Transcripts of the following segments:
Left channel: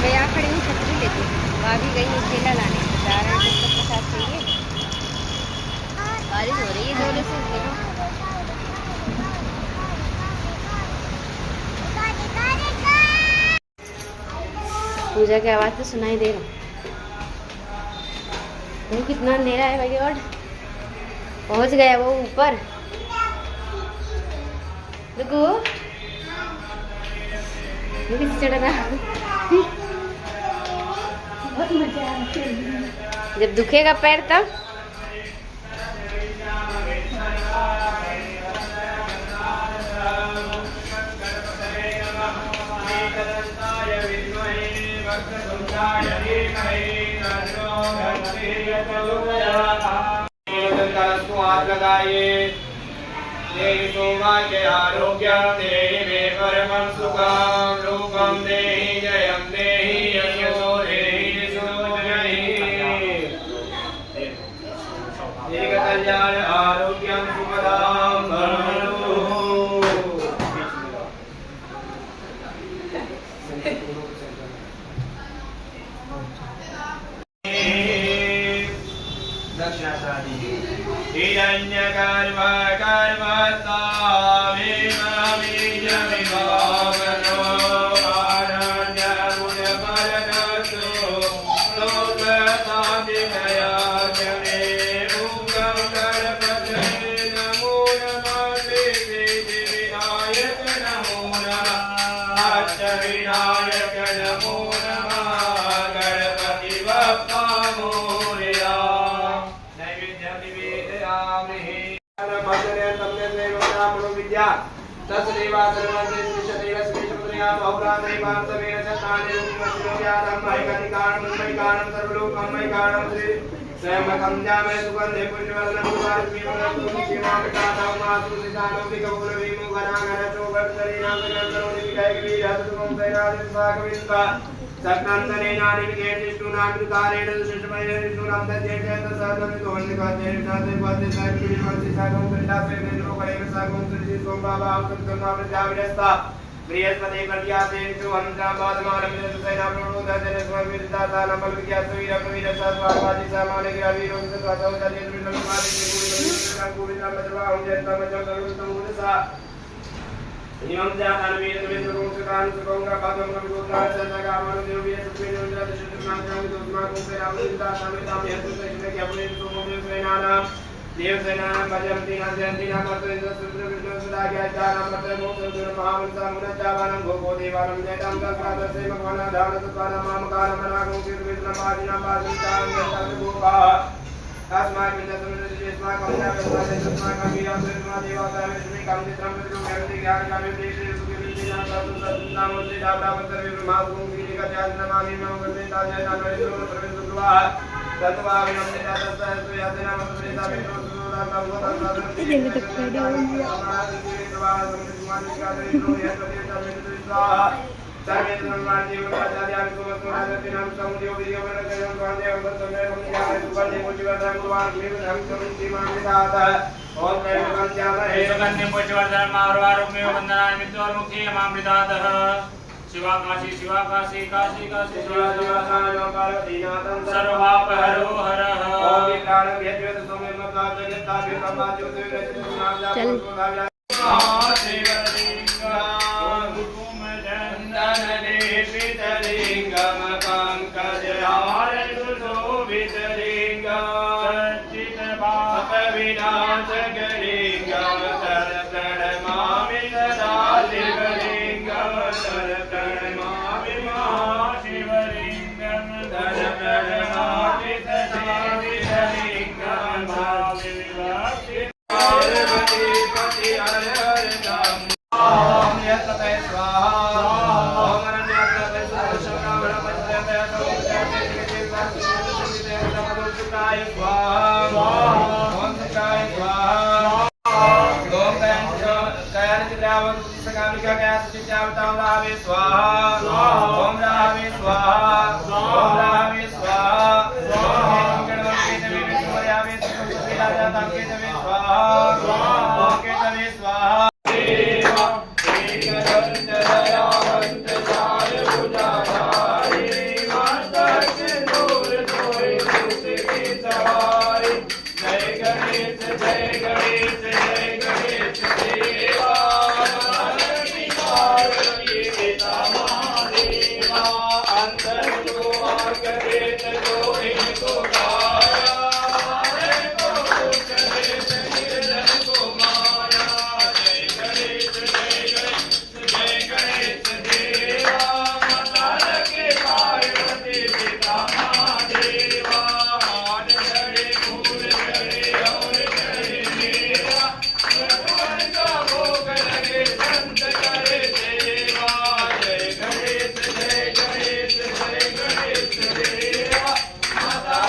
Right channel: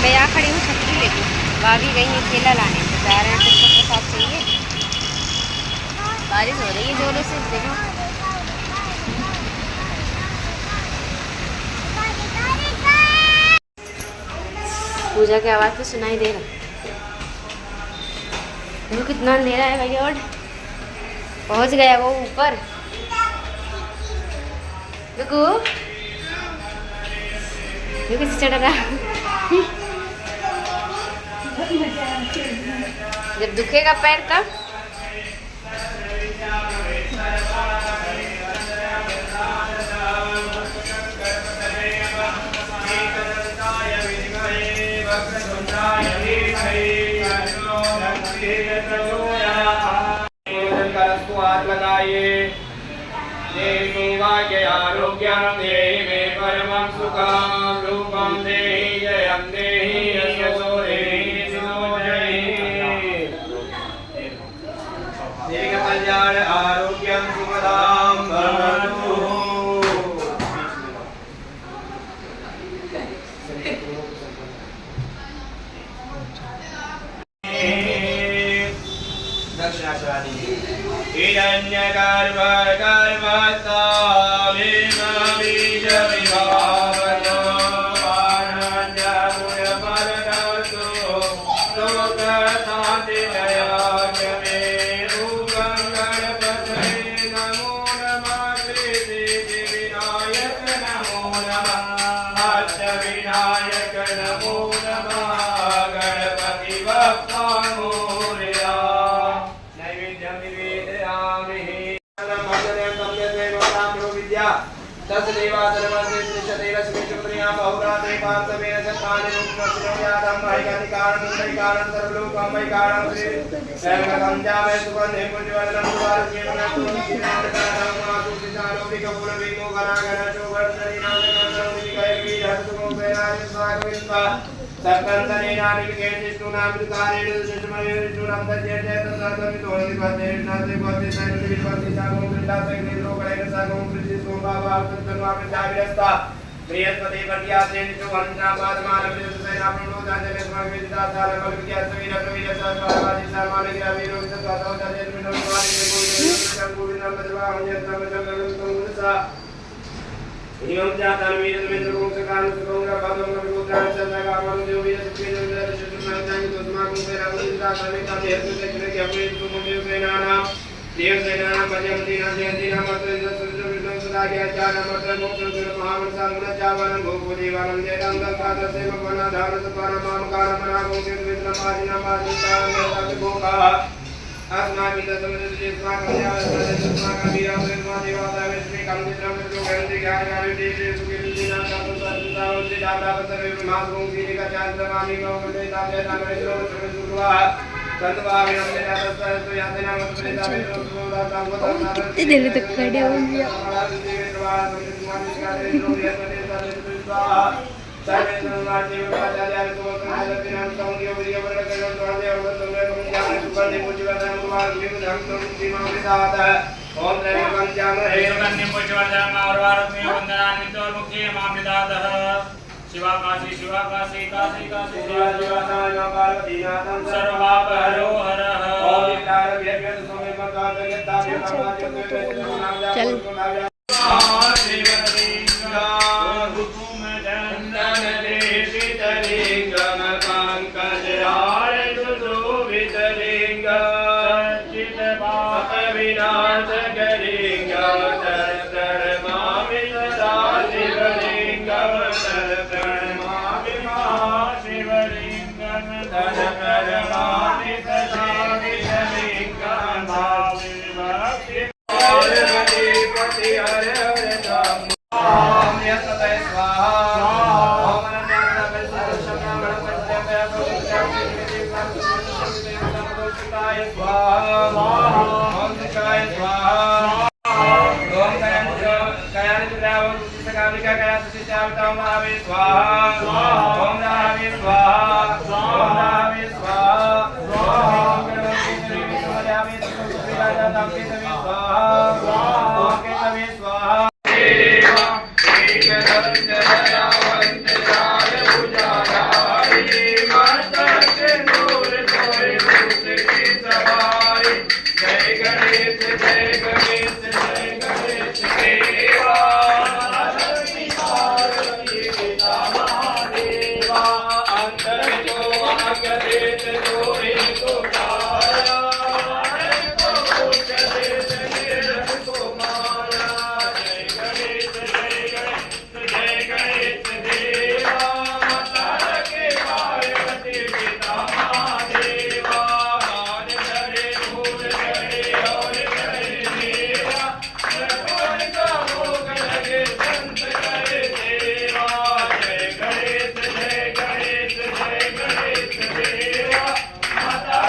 मैं यहाँ खड़ी हूँ छतरी लेके, भाभी गई है ठेला लाने, तो जा रहे हैं, कुछ तो प्रसाद चाहिए। बारिश हो रही है जोरों से, देखो। पूजा की आवाज़ तो सुनाई दे रहा। देखो कितना अंधेरा है भाई, और पहुँच गया वो ऊपर। देखो ये कैसे चढ़ रहा। जब दुखेगा पैर तब। हाथ लगाइए। आरोग्यम देहि मे परमं सुखं रूपं देहि जयं देहि यशो देहि निशो देहि दीर्घ कल्याण आरोग्यं सुखदां भवतु। दक्षिणाशादी विनायक नमो नमः गणपति बप्पा मोरया। नैवेद्यं निवेदयामि। बृहस्पति पर्यासे जो अंतरापाद मालम्य सेना प्रणोदा जने स्वामिता साला बलविद्या सवीर प्रवीर साधवादी सामान्य ग्रावीर विद्यातो दर्य द्विनवारी के गुरु गोविंद बजवाहु यत्तम जगरुतम उदसा इमं जातन वीर द्विन्द्र को सकान सुगंगा पादम रुद्रा सदा मनु देवी सुप्रीम इंद्र शत्रुनाम जांग दोस्मा को पे रावलिंदा सविता हेतु से जने के अपने तो मुझे सेना नाम देव सेना मध्यम दिन जयंती नाम इंद्र सुंदर विष्णु सदा के चार नंबर मोक्ष दुर महान संग जावन भोगो देवानं जयतं दंसाद से भगवान धार सत्वान माम काल मना को के विष्णु मादिना मादिता में भोगा अस्माकं समुद्र जिस्मा कमया अस्मा कमीरा सेवा देवता विष्णु कामचित्रं विष्णु गंधि ज्ञान ज्ञान देव सुखे विद्या तत्व सत्ता मूर्ति दाता सर्व मास को गिरि का चांद्र मामी मौके ताजे नागरिको प्रवेश दुर्वा तत्वाविनंदिता तत्व यातना मतप्रेता विष्णु सुदाता गोता इधर तक खड़े हो गया। शिवा काशी काशी काशी शिवा शिवा नाम पार्वती नाथं सर्वपाप हरो हरः। ओम विकार व्यद्वेद समय मता जगता विपमा ज्योति वेद नाम चल शिवलिंगा हुकुम चंदन देशित लिंगम पंकज हार सुशोभित लिंगम सच्चित पाप विनाशक लिंगम तर प्रणमामि सदा शिवलिंगम तर प्रणमामि महाशिवलिंगम तर प्रणमामि सदा शिवलिंगम भावे भक्ति पार्वती पति हर हर नाम। ओम यस्तते स्वाहा ओम अनन्यासः परिशुद्धं गणपतिदेवाय सुताय स्वाहा ओम सुताय स्वाहा ओम कयानिद्रावं सकालिका कयासुचितावतां रावे स्वाहा ओम रावे स्वाहा ओम रावे स्वाहा ओम गणपति देवी विष्णुयावे सुखविराजातां केतवे स्वाहा ओम केतवे स्वाहा। एक दंत दयावंत चार भुजाधारी भाग्य देत जो इनको पाया को पुष्ट देत निर्धन को माया जय गणेश देवा माता के पार्वती पिता महादेवा मान चढ़े फूल चढ़े और चढ़े मेवा भगवान का भोग लगे संत करे सेवा जय गणेश देवा माता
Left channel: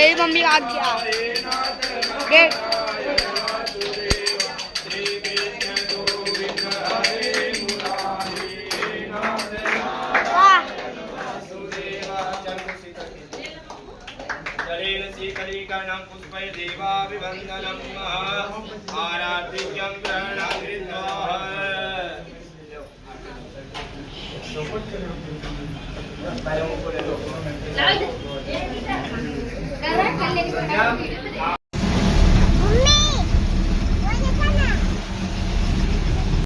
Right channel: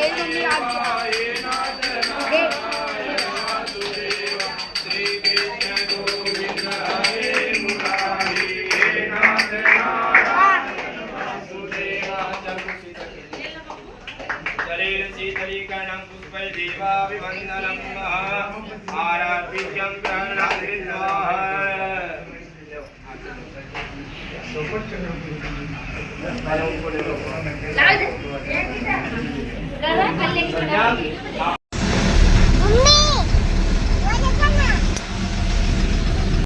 मेरी मम्मी आ गया गेट श्री कृष्ण गोविंद हरे मुरारी हे नाथ वासुदेवा शरीर शीतलीकरणं पुष्पै देवाभिवन्दनं आराध्यं ग्रहणाकृत्वा Tayo mo po nito.